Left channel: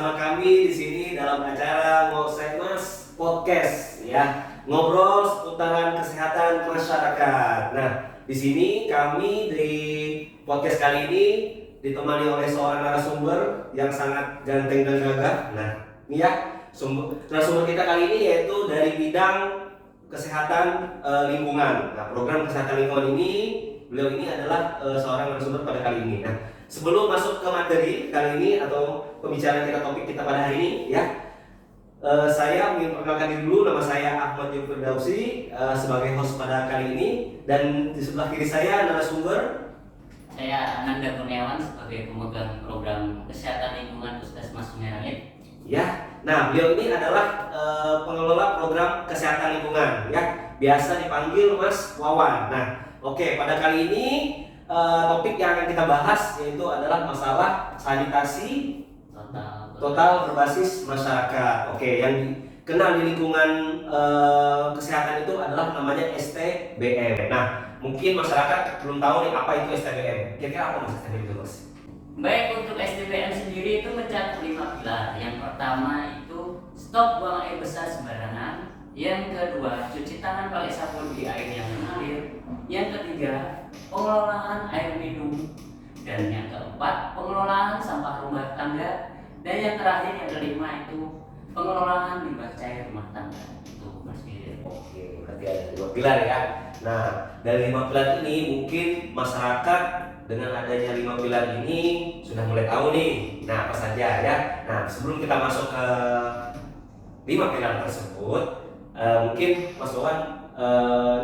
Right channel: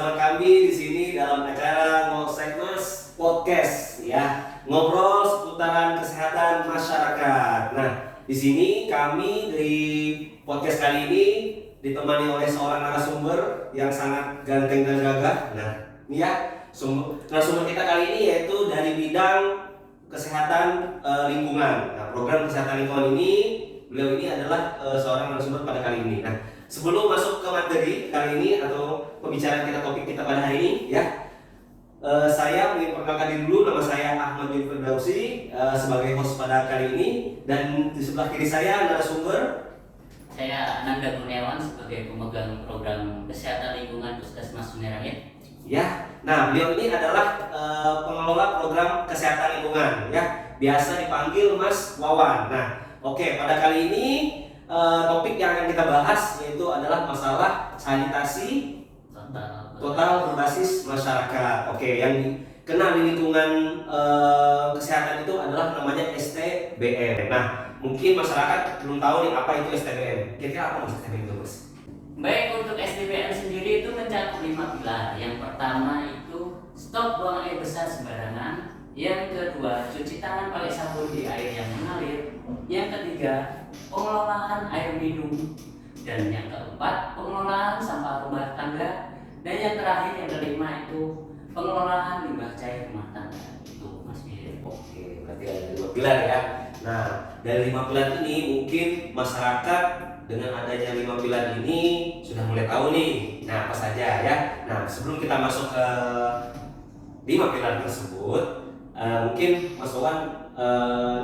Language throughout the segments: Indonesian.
bersama kami di sini dalam acara Ngosek Podcast ya, ngobrol seputaran kesehatan masyarakat. Nah, di sini kami di podcast kali ini ditemani oleh seorang narasumber yang sangat ganteng dan gagah. Nah, ini ya, narasumber kita kali ini yaitu dari bidang kesehatan lingkungan. Nah, program kesehatan lingkungan ini, beliau ini adalah seorang narasumber pada kali ini. Nah, sebelum masuk ke materi kali ini atau pembicaraan kita, topik kita pada hari ini ya, saya ingin perkenalkan diri dulu. Nama saya Ahmad bin Firdausi sebagai host pada kali ini, dan di sebelah kiri saya narasumber saya Ananda Kurniawan sebagai pemegang program kesehatan lingkungan Puskesmas Sumerangit. Ya, nah beliau ini adalah pengelola program kesehatan lingkungan ya, biasa dipanggil Mas Wawan. Nah, oke, pada kali ini topik yang akan kita bahas yaitu adalah masalah sanitasi total berbasis masyarakat. Oke, yang dikenal di lingkungan kesehatan itu adalah namanya STBM. Nah, mungkin masyarakat belum tahu nih apa itu STBM. Kira-kira apa Mas STBM itu, Mas? Baik, untuk SDBM sendiri itu mencakup 5 pilar. Yang pertama itu stop buang air besar sembarangan. Yang kedua, cuci tangan pakai sabun di air yang mengalir. Yang ketiga, pengelolaan air minum. Dan yang keempat, pengelolaan sampah rumah tangga. Dan yang terakhir, yang kelima itu pengelolaan limbah cair rumah tangga. Itu Mas Fir. Oke, berarti ada 2 pilar ya. Nah, dari 5 pilar ini mungkin masyarakat dengan adanya 5 pilar ini sudah mulai tahu nih. Nah, apa saja ya. Nah, sebelum kita masuk ke 5 pilar tersebut, mungkin Mas Wawan,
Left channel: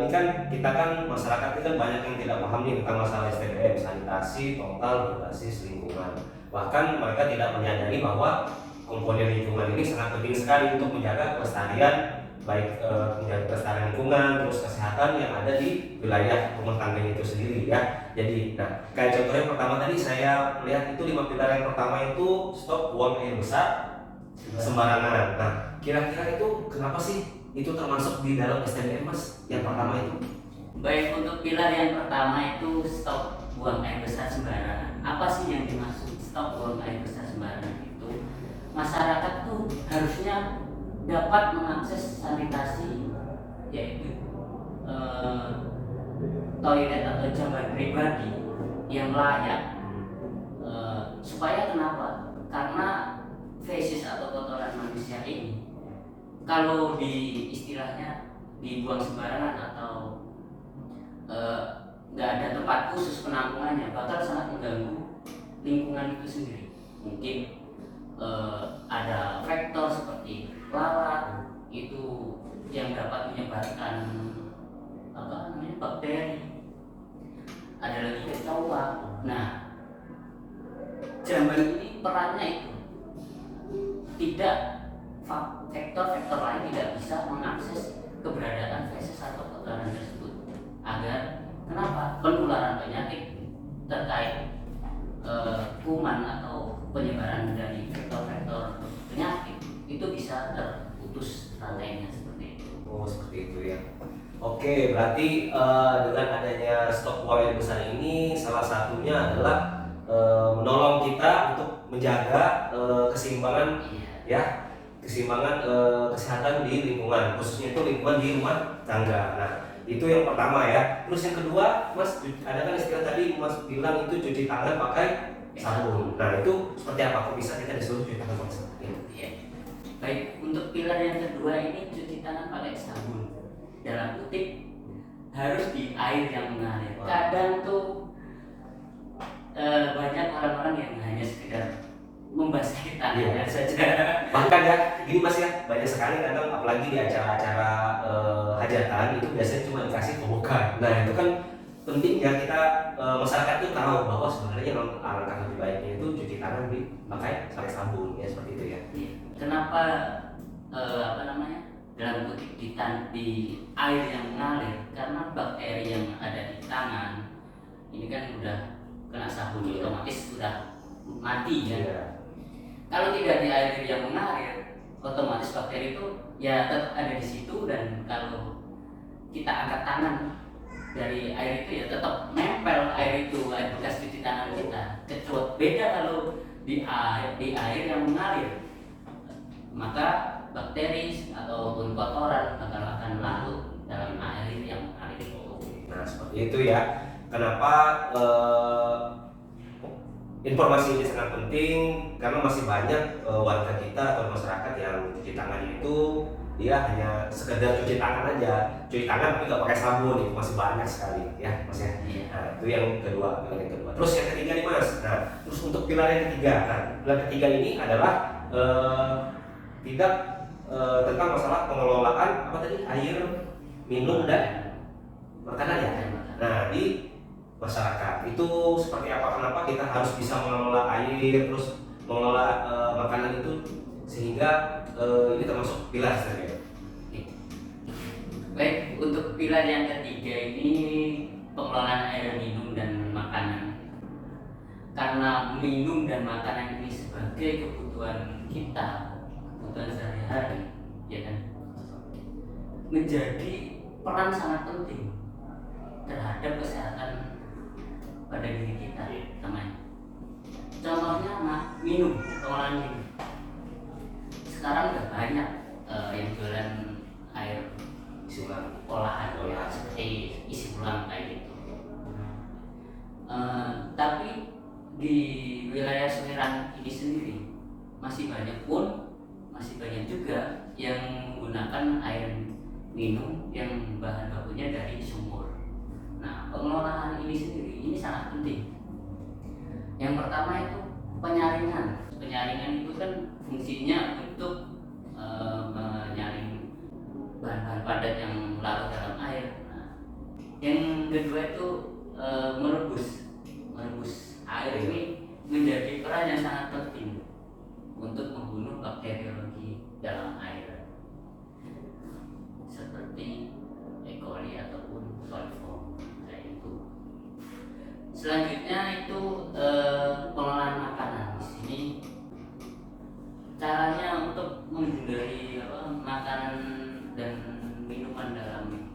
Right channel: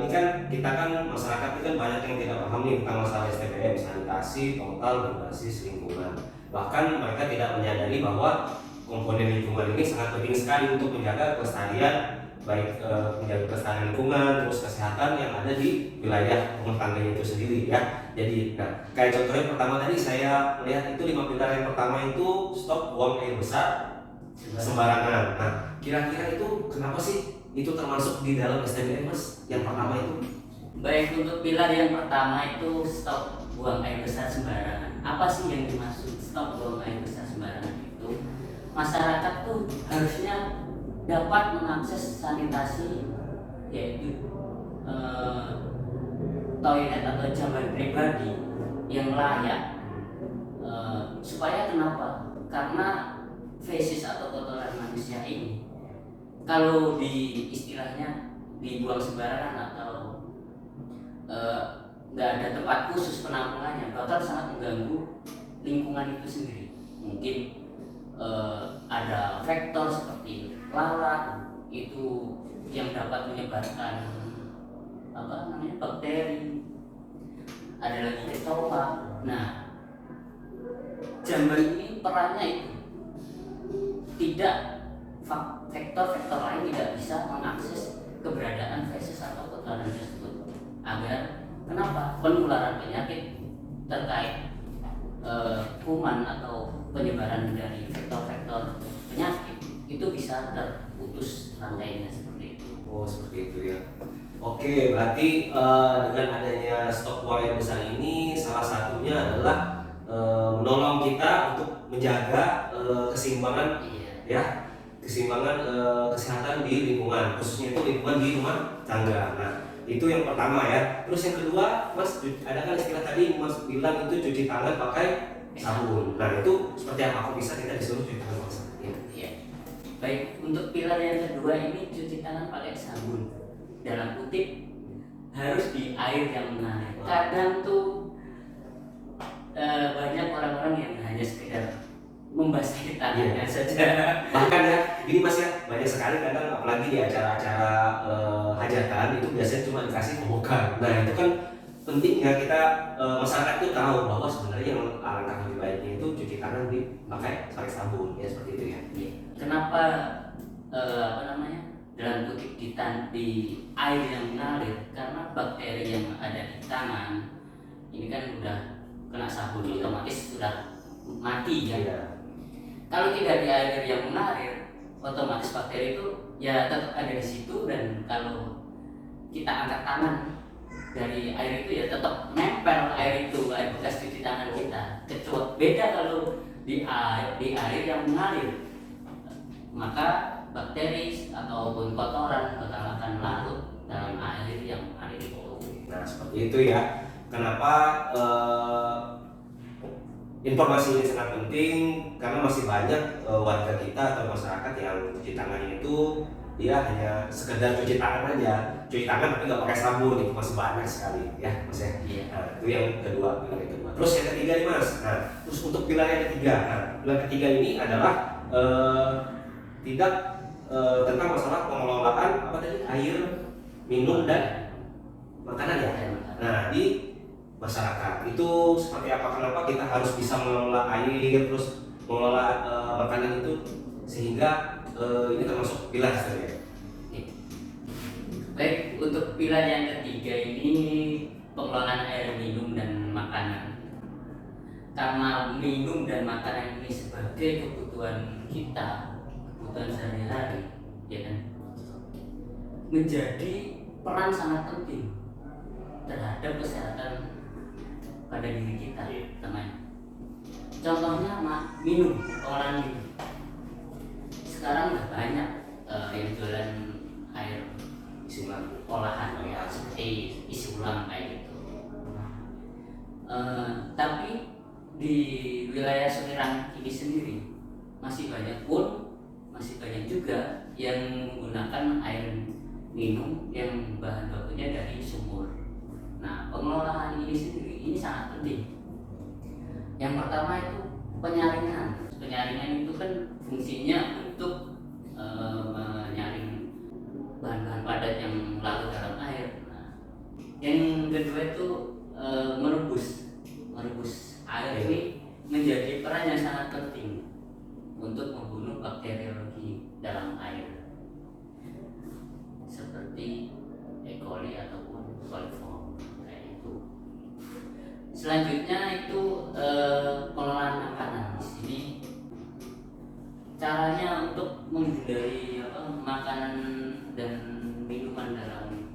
ini kan kita kan masyarakat itu kan banyak yang tidak paham nih tentang masalah STBM, sanitasi total berbasis lingkungan. Bahkan mereka tidak menyadari bahwa komponen lingkungan ini sangat penting sekali untuk menjaga kelestarian, baik menjaga kelestarian lingkungan, terus kesehatan yang ada di wilayah rumah tangga itu sendiri ya. Jadi, nah, kayak contohnya pertama tadi saya melihat itu 5 pilar yang pertama itu stop buang air besar sembarangan. Nah, kira-kira itu kenapa sih itu termasuk di dalam STBM, Mas? Yang pertama itu? Baik, untuk pilar yang pertama itu stop buang air besar sembarangan. Apa sih yang dimaksud stop buang air besar sembarangan itu? Masyarakat tuh harusnya dapat mengakses sanitasi, yaitu toilet atau jamban pribadi yang layak. Supaya kenapa? Karena fesis atau kotoran manusia ini kalau di istilahnya dibuang sembarangan atau nggak ada tempat khusus penampungannya, bakal sangat mengganggu lingkungan itu sendiri. Mungkin ada faktor seperti lalat itu yang dapat menyebarkan bakteri, ada lagi ketolak. Nah, jamban ini perannya itu tidak, faktor-faktor lain tidak bisa mengakses keberadaan feses atau kotoran tersebut, agar kenapa penularan penyakit terkait kuman atau penyebaran dari faktor-faktor penyakit itu bisa terputus rantainya seperti itu. Oh, seperti itu ya. Oke, berarti dengan adanya stok buang air besar ini salah satunya adalah menolong kita untuk menjaga keseimbangan ya, keseimbangan kesehatan di lingkungan, khususnya itu lingkungan di rumah tangga. Nah, itu yang pertama ya. Terus yang kedua, Mas, ada kan istilah tadi Mas bilang itu cuci tangan pakai sabun. Nah, itu seperti apa? Kok bisa kita disuruh cuci tangan pakai sabun? Ya. Baik, untuk pilar yang kedua ini cuci tangan pakai sabun. Dalam kutip harus di air yang mengalir. Kadang tuh banyak orang-orang yang hanya sekedar membasahi tangannya saja. Bahkan ya, gini Mas ya, banyak sekali kadang apalagi di acara-acara hajatan itu biasanya cuma dikasih pembukaan. Nah, itu kan penting ya kita masyarakat itu tahu bahwa sebenarnya alangkah lebih baiknya itu cuci tangan pakai sabun ya, seperti itu ya. Kenapa dalam kutip di air yang mengalir? Karena bakteri yang ada di tangan ini kan udah kena sabun, otomatis sudah mati ya. Kalau tidak di air yang mengalir, otomatis bakteri itu ya tetap ada di situ, dan kalau kita angkat tangan dari air itu ya tetap nempel air itu, air bekas cuci tangan kita. Kecuali beda kalau di air yang mengalir, maka bakteri ataupun kotoran bakal akan larut dalam air yang mengalir itu. Nah seperti itu ya. Kenapa informasi ini sangat penting? Karena masih banyak warga kita atau masyarakat yang cuci tangan itu dia hanya sekedar cuci tangan aja, cuci tangan tapi nggak pakai sabun, itu masih banyak sekali ya mas ya. Iya. Nah itu yang kedua, pilar yang kedua. Terus yang ketiga nih mas. Nah terus untuk pilar yang ketiga, nah pilar ketiga ini adalah tidak tentang masalah pengelolaan apa tadi, air minum dan makanan ya. Nah di masyarakat itu seperti apa, kenapa kita harus bisa mengelola air terus mengelola makanan itu sehingga ini termasuk pilar sebenarnya. Baik, untuk pilar yang ketiga ini pengelolaan air minum dan makanan. Karena minum dan makanan ini sebagai kebutuhan kita, kebutuhan sehari-hari, ya kan, menjadi peran sangat penting terhadap kesehatan pada diri kita, teman. Contohnya minum, pengelolaan minum. Sekarang udah banyak yang jualan air isi ulang olahan ya, seperti isi ulang kayak gitu. Tapi di wilayah Serang ini sendiri masih banyak juga yang menggunakan air minum yang bahan bakunya dari sumur. Nah, pengelolaan ini sendiri ini sangat penting. Yang pertama itu penyaringan. Penyaringan itu kan fungsinya untuk menyaring bahan-bahan padat yang larut dalam air. Nah, yang kedua itu merebus air ini menjadi peran yang sangat penting untuk membunuh bakteriologi dalam air seperti E. coli ataupun coliform kayak itu. Selanjutnya itu pengelolaan makanan. Di sini caranya untuk menghindari makanan dan minuman dalam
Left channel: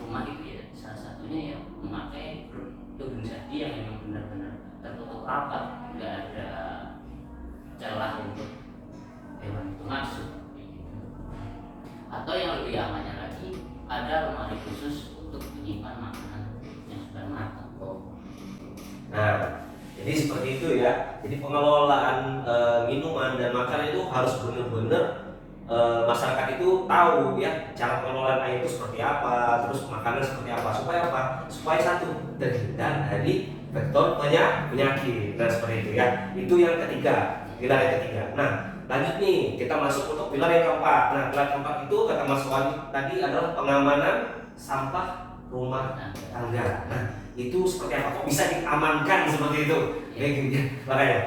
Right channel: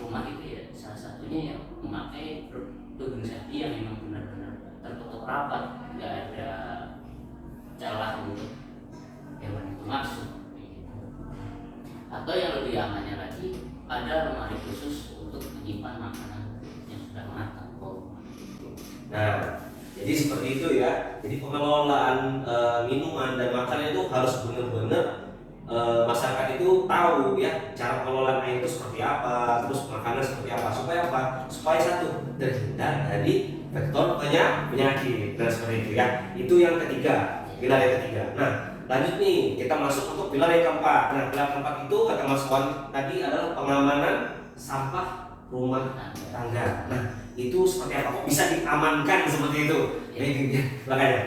rumah itu ya salah satunya ya memakai tudung sapi yang memang benar-benar tertutup rapat, nggak ada celah untuk hewan itu masuk. Atau yang lebih amannya lagi, ada lemari khusus untuk menyimpan makanan yang sudah matang. Nah jadi seperti itu ya. Jadi pengelolaan minuman dan makanan itu harus benar-benar masyarakat itu tahu ya cara pengelolaan air itu seperti apa, terus makanan seperti apa, supaya apa? Supaya satu, terhindar dari vektor penyakit. Nah seperti itu ya. Itu yang ketiga, pilar yang ketiga. Nah lanjut nih, kita masuk untuk pilar yang keempat. Nah pilar keempat itu kata Mas Wali tadi adalah pengamanan sampah rumah tangga. Nah itu seperti apa? Kok bisa diamankan seperti itu? Ya, makanya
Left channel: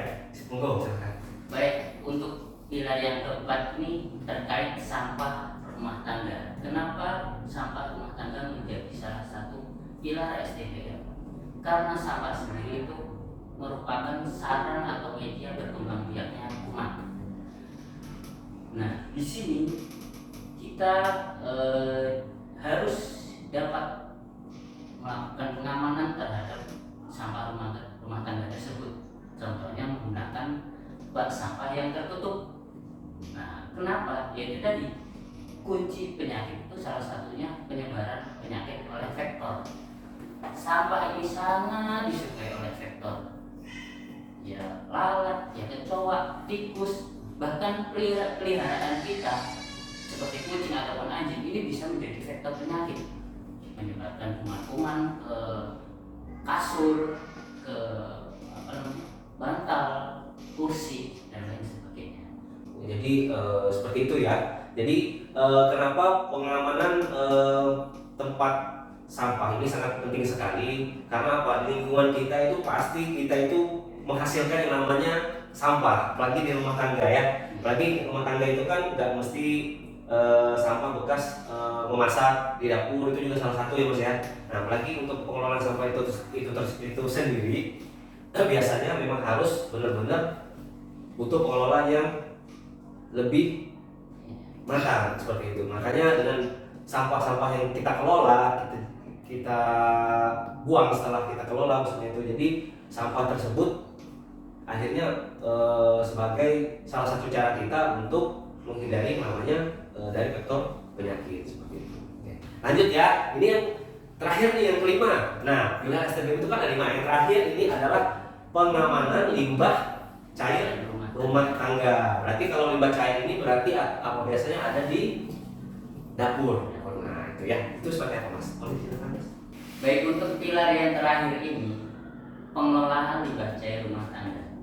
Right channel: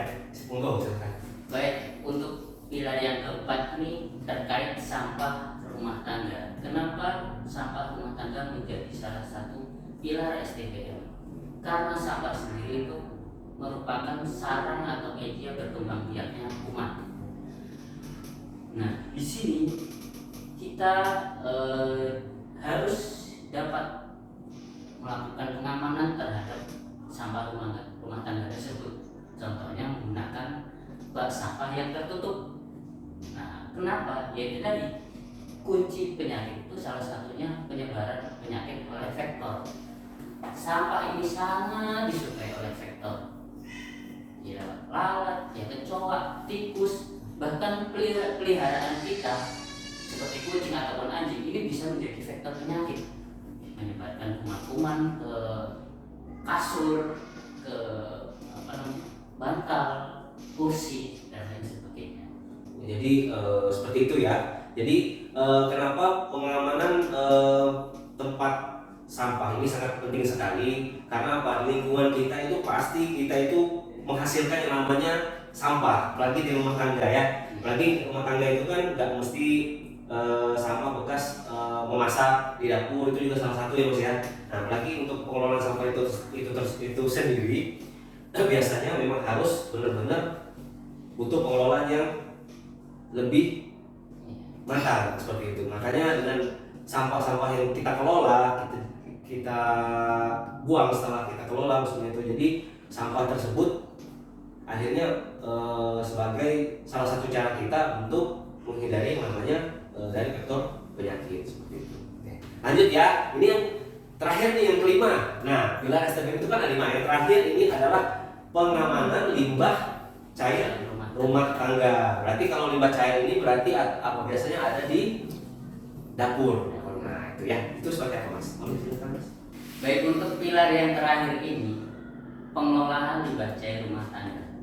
monggo silakan. Baik, untuk pilar yang keempat ini terkait sampah rumah tangga. Kenapa sampah rumah tangga menjadi salah satu pilar SDGM? Karena sampah sendiri itu merupakan sarang atau media berkembang biaknya umat. Nah, di sini kita harus dapat melakukan pengamanan terhadap sampah rumah tangga tersebut. Contohnya menggunakan bak sampah yang tertutup. Nah, kenapa? Yaitu tadi kunci penyakit itu salah satunya penyebaran penyakit oleh vektor. Sampah ini sangat disukai oleh vektor. Ya lalat, ya kecoa, tikus, bahkan peliharaan kita seperti kucing ataupun anjing ini bisa menjadi vektor penyakit, menyebabkan kuman-kuman ke kasur, ke bantal, kursi dan lain sebagainya. Jadi seperti itu ya. Jadi kenapa pengamanan tempat sampah ini sangat penting sekali? Karena apa? Lingkungan kita itu pasti kita itu menghasilkan yang namanya sampah, apalagi di rumah tangga ya. Apalagi rumah tangga itu kan nggak mesti sampah bekas memasak di dapur, itu juga salah satu ya mas ya. Nah apalagi untuk pengelolaan sampah itu sendiri biasanya memang harus benar-benar butuh pengelolaan yang lebih matang seperti itu. Makanya dengan sampah-sampah yang kita kelola, kita buang setelah kita kelola maksudnya itu, jadi sampah tersebut akhirnya sebagai salah satu cara kita untuk menghindari yang namanya dari vektor penyakit seperti itu. Oke. Lanjut ya, ini yang terakhir nih yang kelima. Nah, pilar STBM itu kan ada 5. Yang terakhir ini adalah pengamanan limbah cair rumah tangga. Berarti kalau limbah cair ini berarti apa biasanya ada di dapur. Nah, itu ya. Itu seperti apa, Mas? Mau diceritakan, Mas? Baik, untuk pilar yang terakhir ini, pengelolaan limbah cair rumah tangga.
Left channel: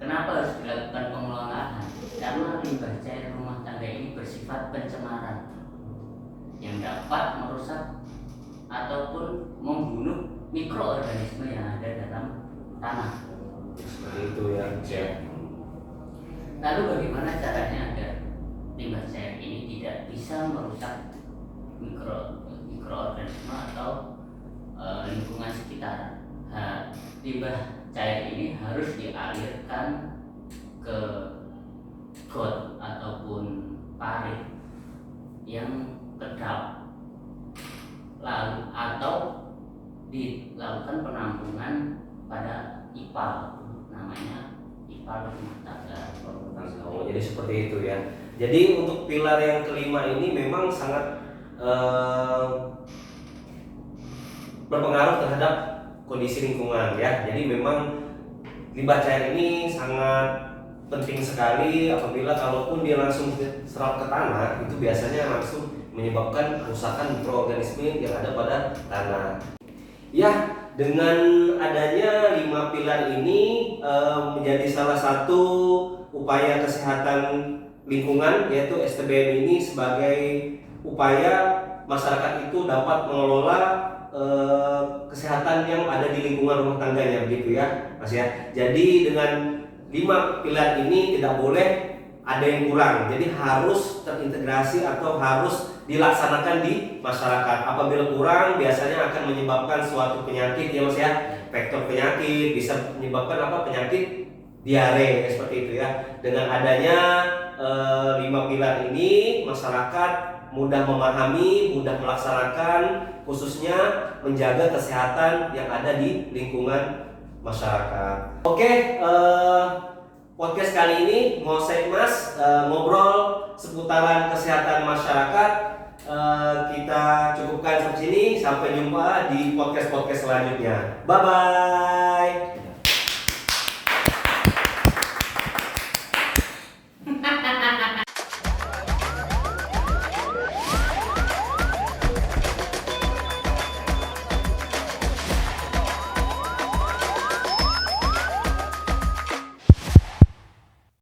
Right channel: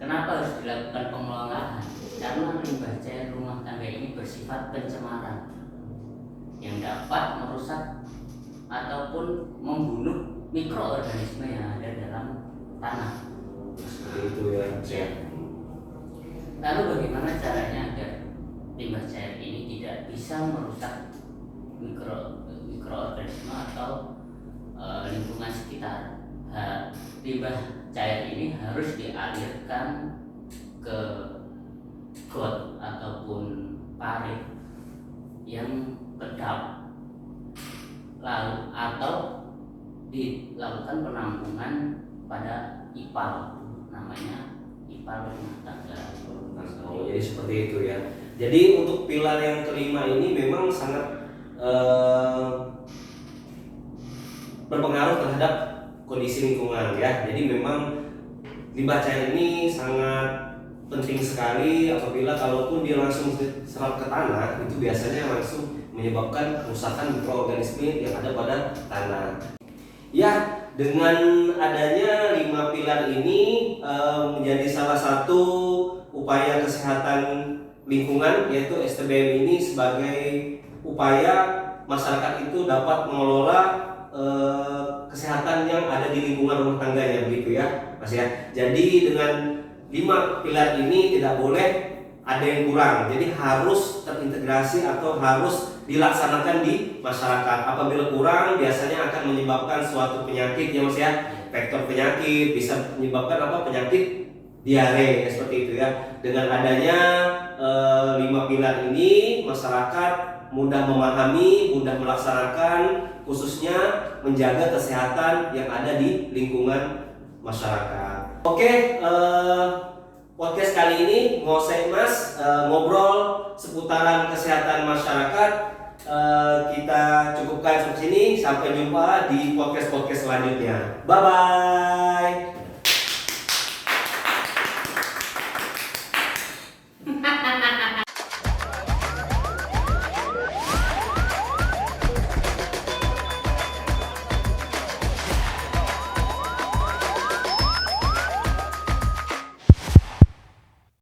Kenapa harus dilakukan pengelolaan? Karena limbah cair rumah tangga ini bersifat pencemaran yang dapat merusak ataupun membunuh mikroorganisme yang ada dalam tanah. Seperti itu ya. Lalu bagaimana caranya agar limbah cair ini tidak bisa merusak mikroorganisme atau lingkungan sekitar? Limbah cair ini harus dialirkan ke got ataupun parit yang kedap, lalu atau dilakukan penampungan pada ipal, namanya ipal rumah tangga. Oh, jadi seperti itu ya. Jadi untuk pilar yang kelima ini memang sangat berpengaruh terhadap kondisi lingkungan ya. Jadi memang limbah cair ini sangat penting sekali apabila kalaupun dia langsung serap ke tanah, itu biasanya langsung menyebabkan kerusakan mikroorganisme yang ada pada tanah. Ya, dengan adanya 5 pilar ini menjadi salah satu upaya kesehatan lingkungan, yaitu STBM ini sebagai upaya masyarakat itu dapat mengelola kesehatan yang ada di lingkungan rumah tangganya, begitu ya, Mas ya. Jadi dengan 5 pilar ini tidak boleh ada yang kurang, jadi harus terintegrasi atau harus dilaksanakan di masyarakat. Apabila kurang, biasanya akan menyebabkan suatu penyakit ya, Mas ya. Vektor penyakit bisa menyebabkan apa? Penyakit diare ya, seperti itu ya. Dengan adanya 5 pilar ini, masyarakat mudah memahami, mudah melaksanakan, khususnya menjaga kesehatan yang ada di lingkungan masyarakat. Oke, podcast kali ini ngosek Mas, ngobrol seputaran kesehatan masyarakat. Kita cukupkan sampai sini. Sampai jumpa di podcast selanjutnya. Bye bye.